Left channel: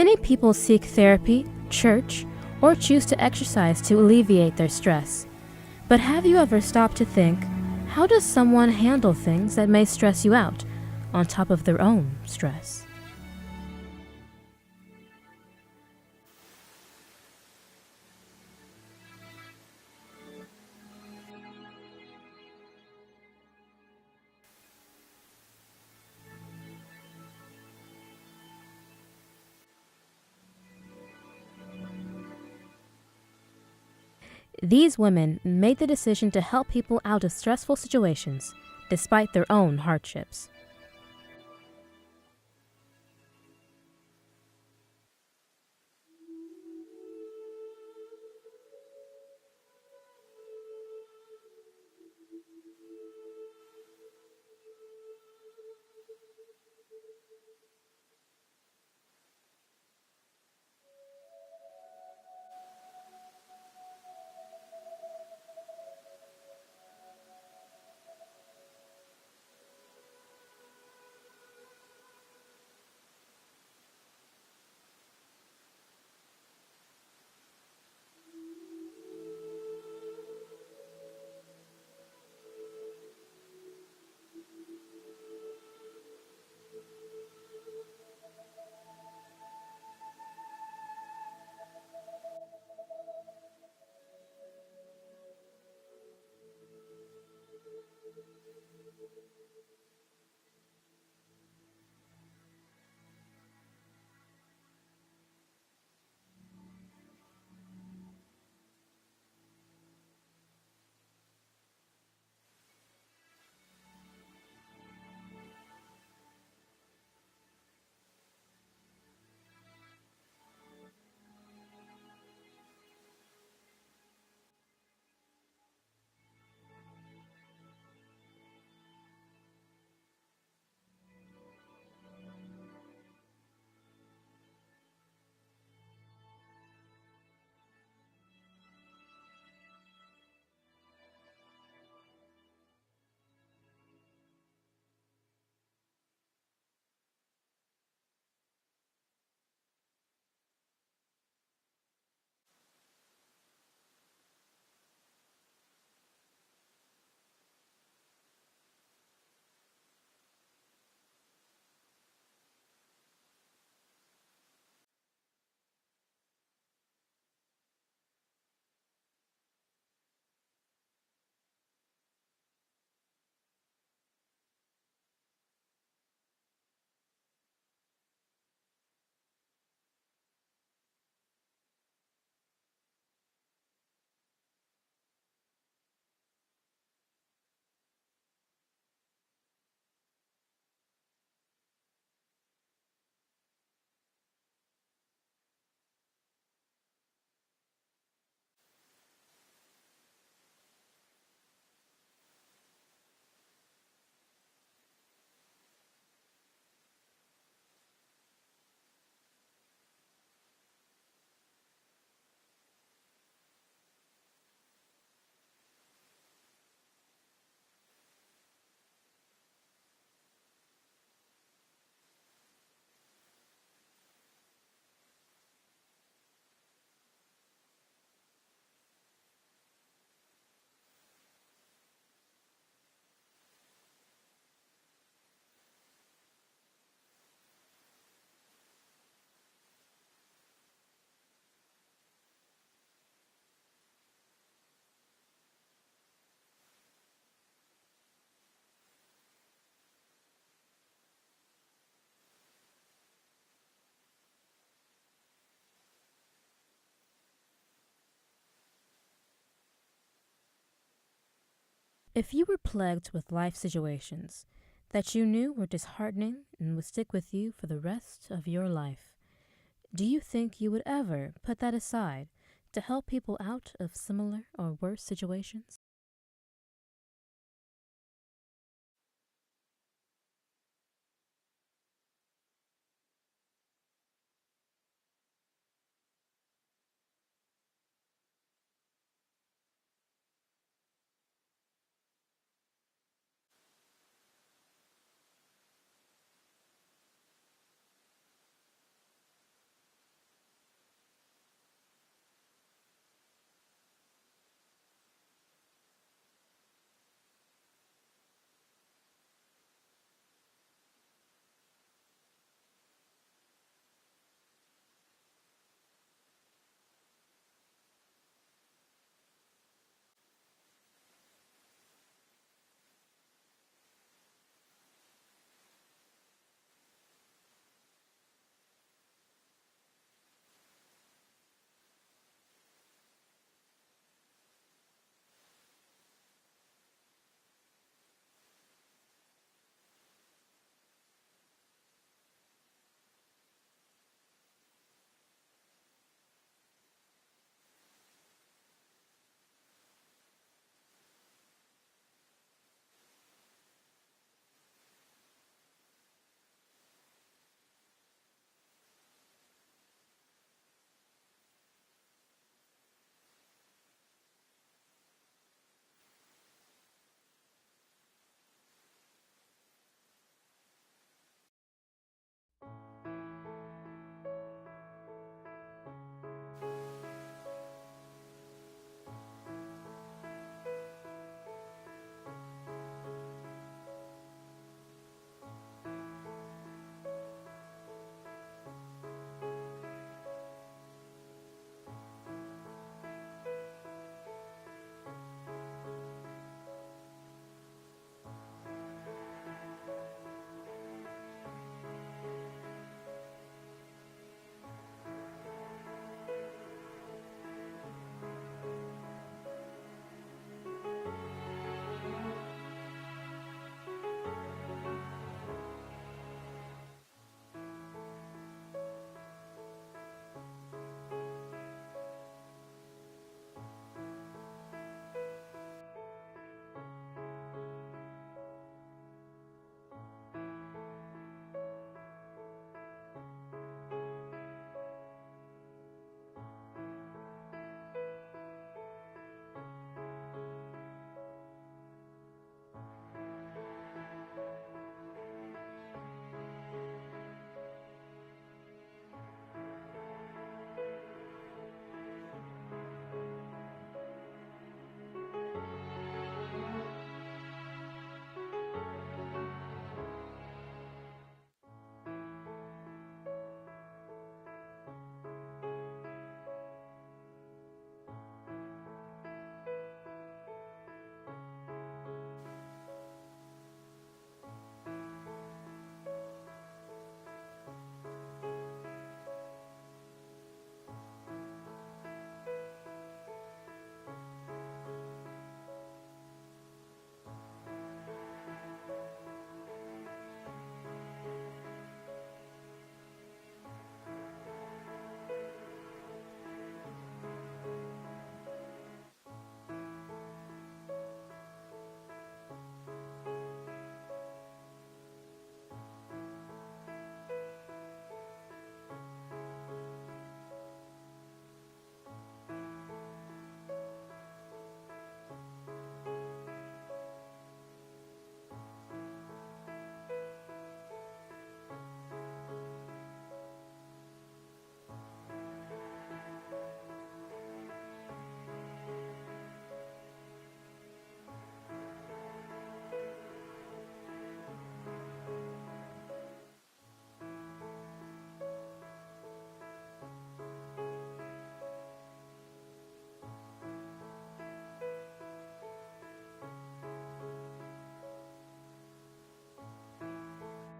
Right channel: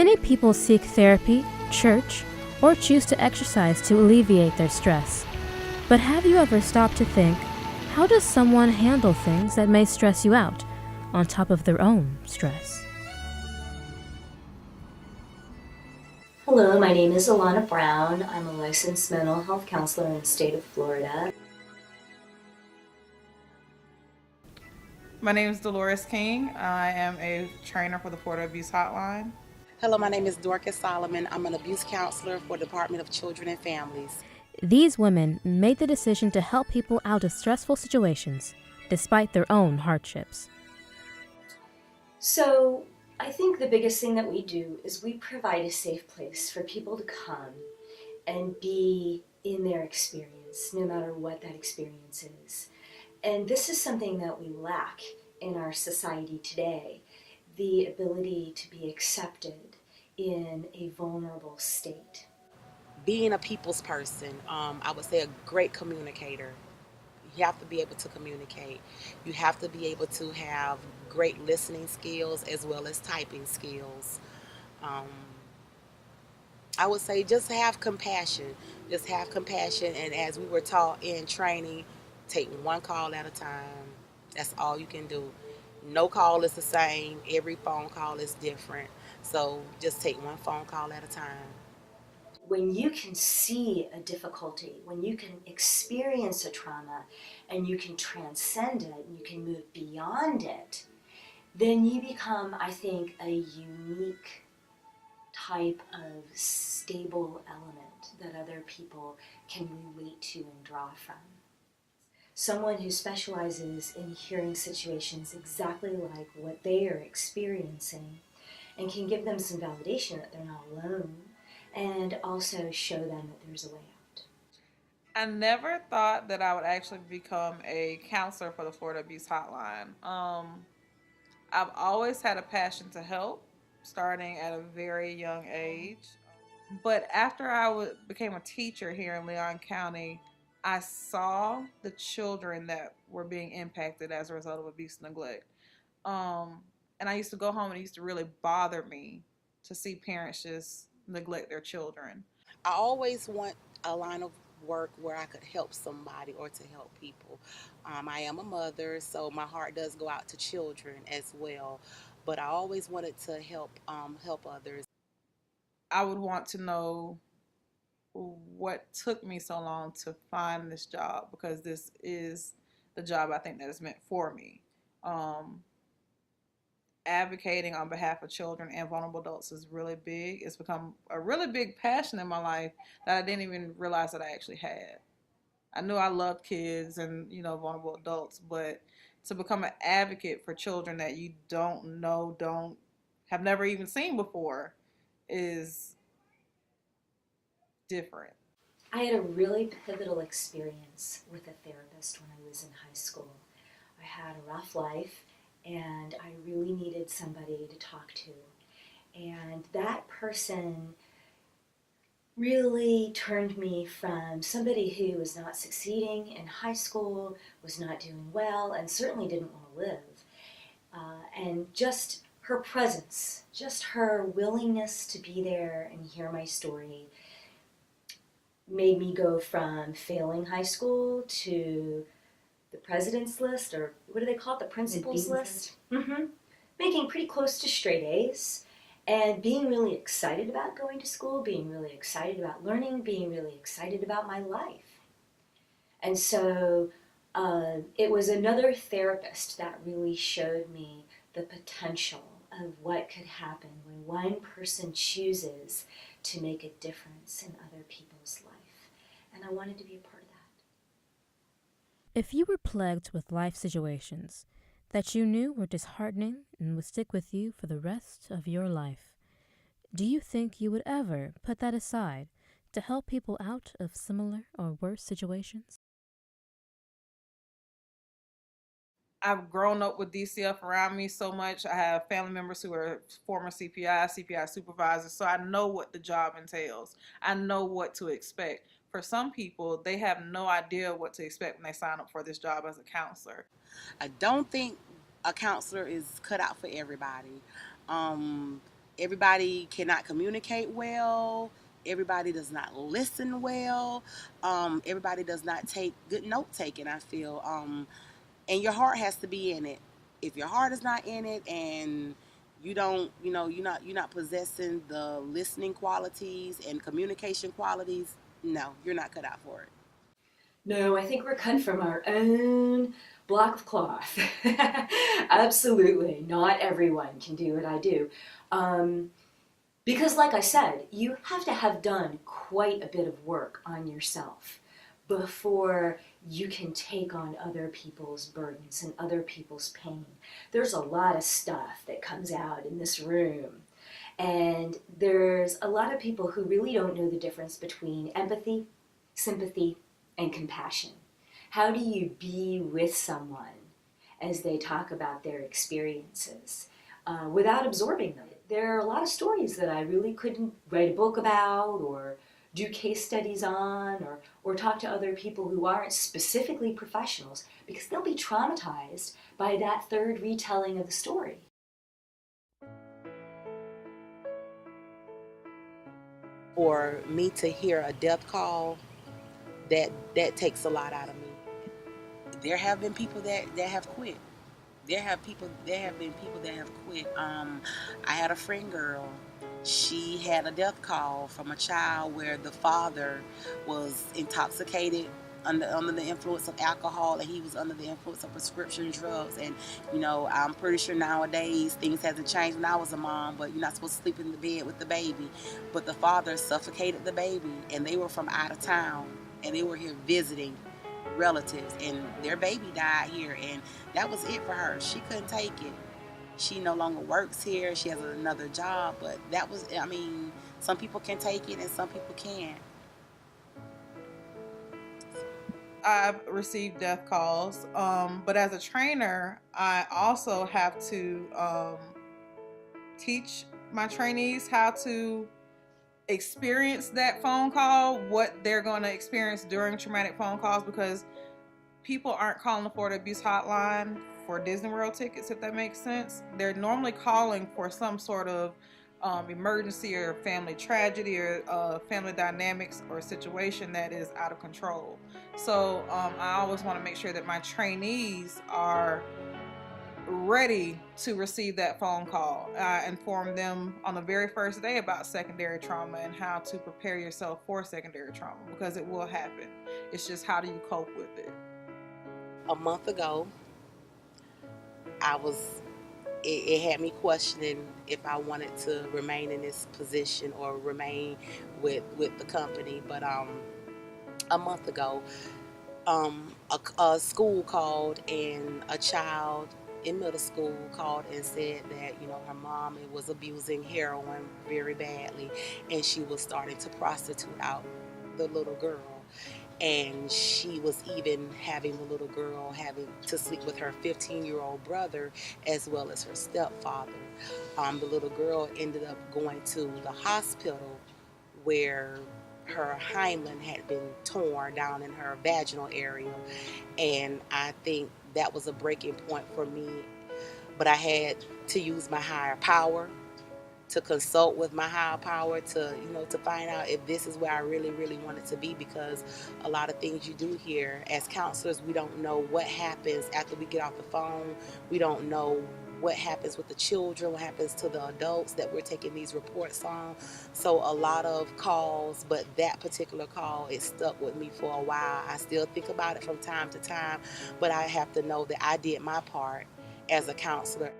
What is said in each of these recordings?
Many people seek therapy, church, or choose to exercise to alleviate their stress. But have you ever stopped to think, how does someone handle things that may stress you out, on top of their own stress? Hello, my name is Alana Brown. I'm a licensed mental health counselor in the state of Florida. My name is Dolores King. I am a trainer for the Florida Abuse Hotline. Hello, my name is Dorcas Solomon. I'm an abuse counselor for the Department of Children and Families. These women made the decision to help people out of stressful situations, despite their own hardships. So I think the biggest thing that we do is we provide a safe place for people to come and be in their experience, no matter what that experience is. And this is something that we lack in our society today, the ability to be accepted in a vulnerable state. Being a people's person, I would say a great communicator. You have to be able to communicate. You have to be able to have great listening skills as well as typing skills. Um, I would say just have compassion. Just have compassion. And as we were taught in training, take one call at a time. That's all you can do. No call is the same. Every phone call is different. So just take one phone call at a time. When you can see a difficulty, when you can experience a trauma and you can transcend it, and you can move beyond it, then you become, I think, a unique type of stable element that other people can relate to and draw from. Someone who specializes in hearing situations exactly like what they are experiencing and can give them some validation that they're not alone and also show them that there's a way out. I never thought that I would actually become a counselor for the Florida Abuse Hotline. I've always had a passion to help, starting at a very young age. But after became a teacher here in Leon County, I saw the children that were being impacted as a result of abuse and neglect. Um, and I used to go home and it used to really bother me to see parents just neglect their children. I always want a line of work where I could help somebody or to help people. I am a mother, so my heart does go out to children as well. But I always wanted to help others. I would want to know what took me so long to find this job, because this is the job I think that is meant for me. Um, Advocating on behalf of children and vulnerable adults is really big. It's become a really big passion in my life that I didn't even realize that I actually had. I knew I loved kids and vulnerable adults, but to become an advocate for children that you don't know, don't have never even seen before is different. I had a really pivotal experience with a therapist when I was in high school. I had a rough life and I really needed somebody to talk to. And that person really turned me from somebody who was not succeeding in high school, was not doing well, and certainly didn't want to live. And just her presence, just her willingness to be there and hear my story made me go from failing high school to the president's list, or what do they call it, the principal's list? Mm-hmm. Making pretty close to straight A's and being really excited about going to school, being really excited about learning, being really excited about my life. And so it was another therapist that really showed me the potential of what could happen when one person chooses to make a difference in other people's life. And I wanted to be a part of that. If you were plagued with life situations that you knew were disheartening and would stick with you for the rest of your life, do you think you would ever put that aside to help people out of similar or worse situations? I've grown up with DCF around me so much. I have family members who are former CPI supervisors, so I know what the job entails. I know what to expect. For some people, they have no idea what to expect when they sign up for this job as a counselor. I don't think a counselor is cut out for everybody. Um, everybody cannot communicate well. Everybody does not listen well. Everybody does not take good note taking, I feel. And your heart has to be in it. If your heart is not in it and you don't, you're not possessing the listening qualities and communication qualities, no, you're not cut out for it. No, I think we're cut from our own block of cloth. Absolutely. Not everyone can do what I do. Um, because, like I said, you have to have done quite a bit of work on yourself before you can take on other people's burdens and other people's pain. There's a lot of stuff that comes out in this room. And there's a lot of people who really don't know the difference between empathy, sympathy, and compassion. How do you be with someone as they talk about their experiences without absorbing them? There are a lot of stories that I really couldn't write a book about or do case studies on or talk to other people who aren't specifically professionals because they'll be traumatized by that third retelling of the story. Or me to hear a death call, that that takes a lot out of me. There have been people that have quit. There have been people that have quit. I had a friend girl. She had a death call from a child where the father was intoxicated under the influence of alcohol, and he was under the influence of prescription drugs. And I'm pretty sure nowadays things hasn't changed. When I was a mom, but you're not supposed to sleep in the bed with the baby. But the father suffocated the baby, and they were from out of town, and they were here visiting relatives, and their baby died here, and that was it for her. She couldn't take it. She no longer works here. She has another job, but that was, I mean, some people can take it and some people can't. I've received death calls, but as a trainer, I also have to teach my trainees how to experience that phone call, what they're going to experience during traumatic phone calls, because people aren't calling the Florida Abuse Hotline for Disney World tickets, if that makes sense. They're normally calling for some sort of emergency or family tragedy or family dynamics or situation that is out of control. So I always want to make sure that my trainees are ready to receive that phone call. I inform them on the very first day about secondary trauma and how to prepare yourself for secondary trauma, because it will happen. It's just, how do you cope with it? A month ago, I was it had me questioning if I wanted to remain in this position or remain with the company. But a month ago, um, a school called, and a child in middle school called and said that her mom was abusing heroin very badly, and she was starting to prostitute out the little girl, and she was even having the little girl having to sleep with her 15-year-old brother as well as her stepfather. The little girl ended up going to the hospital where her hymen had been torn down in her vaginal area, and I think that was a breaking point for me. But I had to use my higher power, to consult with my higher power, to find out if this is where I really really wanted to be, because a lot of things you do here as counselors, we don't know what happens after we get off the phone. We don't know what happens with the children, what happens to the adults that we're taking these reports on. So a lot of calls, but that particular call, it stuck with me for a while. I still think about it from time to time, but I have to know that I did my part as a counselor.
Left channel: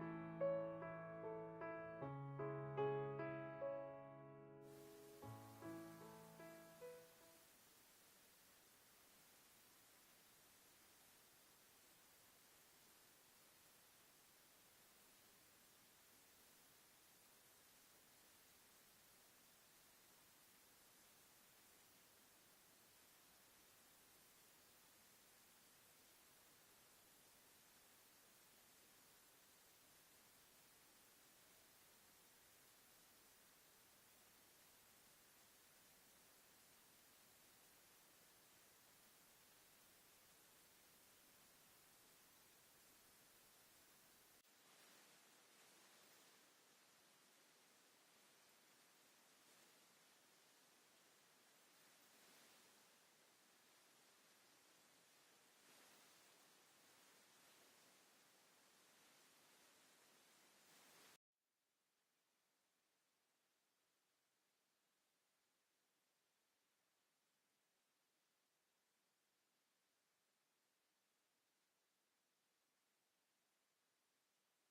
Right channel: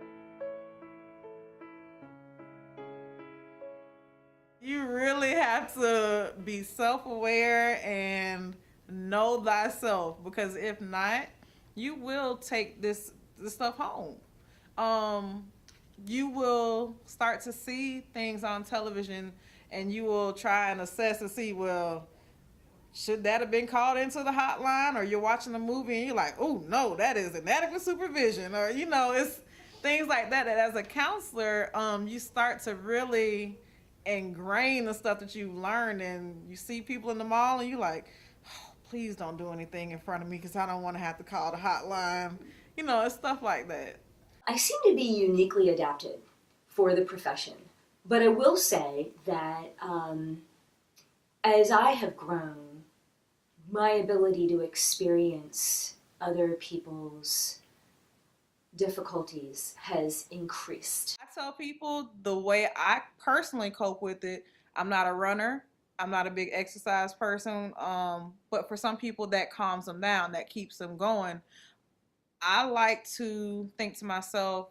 You really have to be self aware and know thyself, because if not, you will take this stuff home. Um, you will start to see things on television, and you will try and assess and see, well, should that have been called into the hotline? Or you're watching a movie and you're like, oh no, that is inadequate supervision. Or it's things like that. That as a counselor, you start to really ingrain the stuff that you learned, and you see people in the mall and you're like, oh, please don't do anything in front of me because I don't want to have to call the hotline. It's stuff like that. I seem to be uniquely adapted for the profession, But I will say that as I have grown, my ability to experience other people's difficulties has increased. I tell people the way I personally cope with it. I'm not a runner. I'm not a big exercise person. But for some people, that calms them down, that keeps them going. I like to think to myself,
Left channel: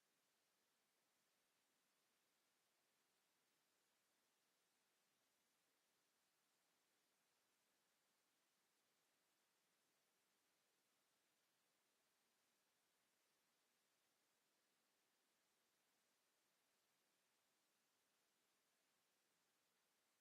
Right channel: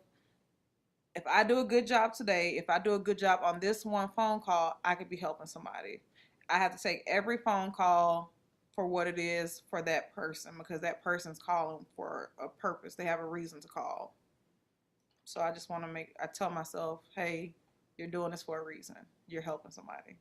if I do a good job today, if I do a good job on this one phone call, I could be helping somebody. I have to take every phone call for what it is for that person because that person's calling for a purpose. They have a reason to call. So I just want to I tell myself, hey, you're doing this for a reason. You're helping somebody.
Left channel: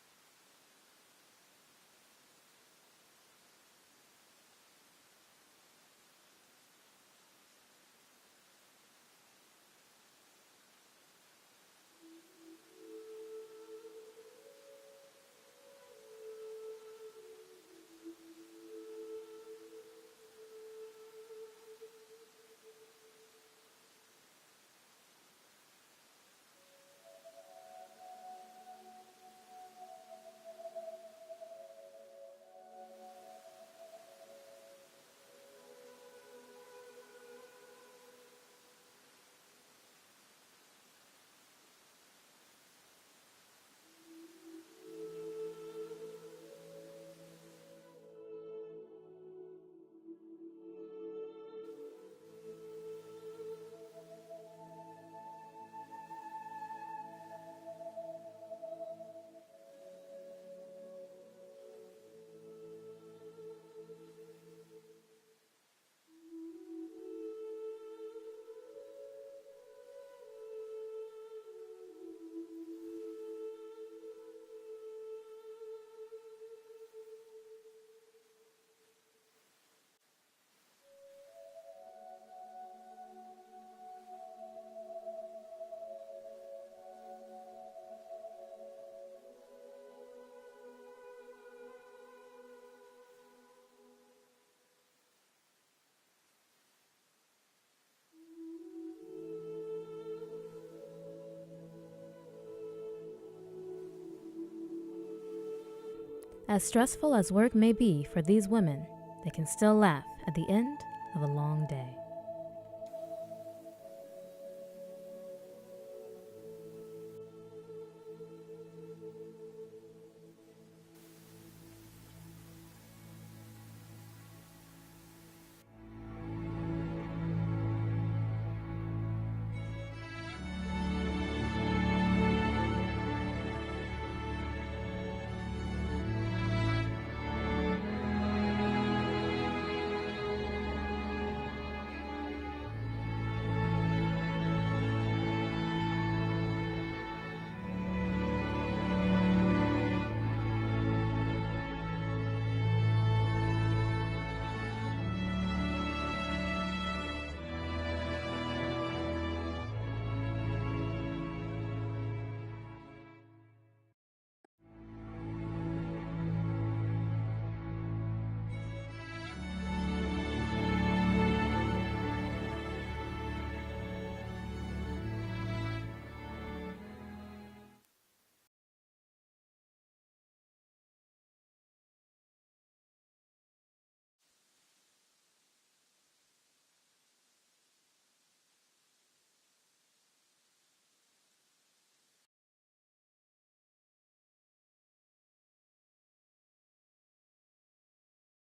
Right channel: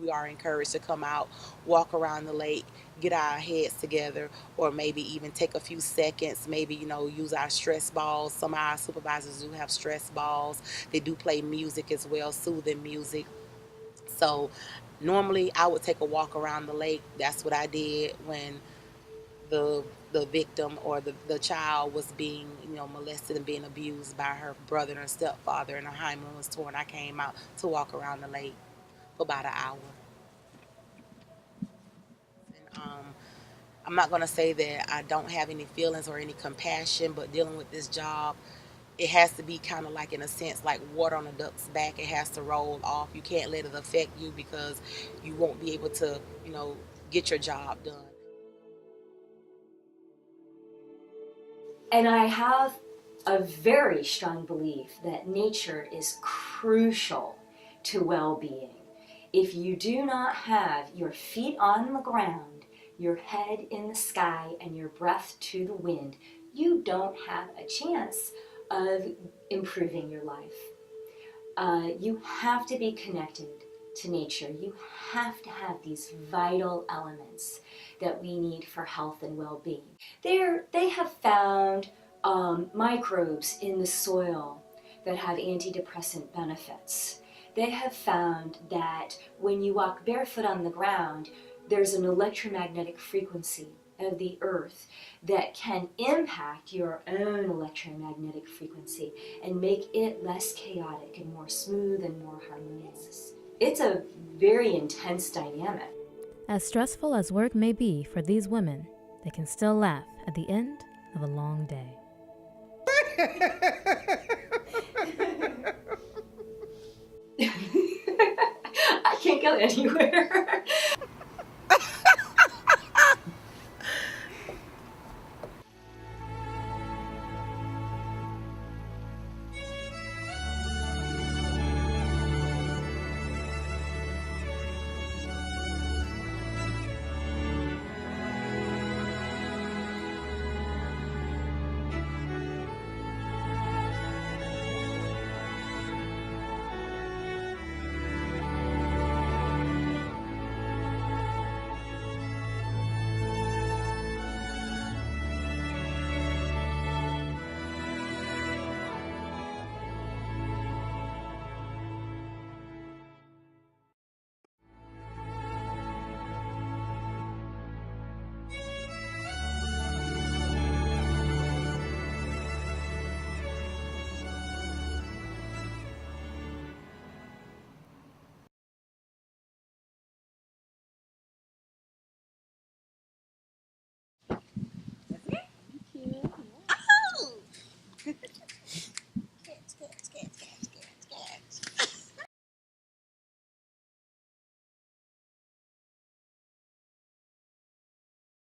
We are encouraged to come out, walk around the lake, get our heads together, or maybe even take a few seconds, maybe, use our stress balls. Some of our supervisors do have stress balls. They do play music as well, soothing music. So normally I would take a walk around the lake. That's what I did when the the victim or the child was being molested and being abused by her brother and stepfather, and her hymen was torn. I came out to walk around the lake for about an hour. And I'm not going to say that I don't have any feelings or any compassion, but dealing with this job, it has to be kind of like, in a sense, like water on a duck's back. It has to roll off. You can't let it affect you because you won't be able to, you know, get your job done. And I have a very strong belief that nature is crucial to well being. If you do not have your feet on the ground, your head in the sky, and your breath to the wind, you don't have a chance of improving your life. You have to be connected to nature. You have to have these vital elements that we need for health and well-being. They have found microbes in the soil that have antidepressant benefits. They have found that when you walk barefoot on the ground, there's an electromagnetic frequency of the earth that can impact your own electromagnetic frequency and make it less chaotic and more smooth and more harmonious. It's a very intense dynamic. As stressful as work may be for these women, they can still laugh at the end of a long day. I can't go anywhere.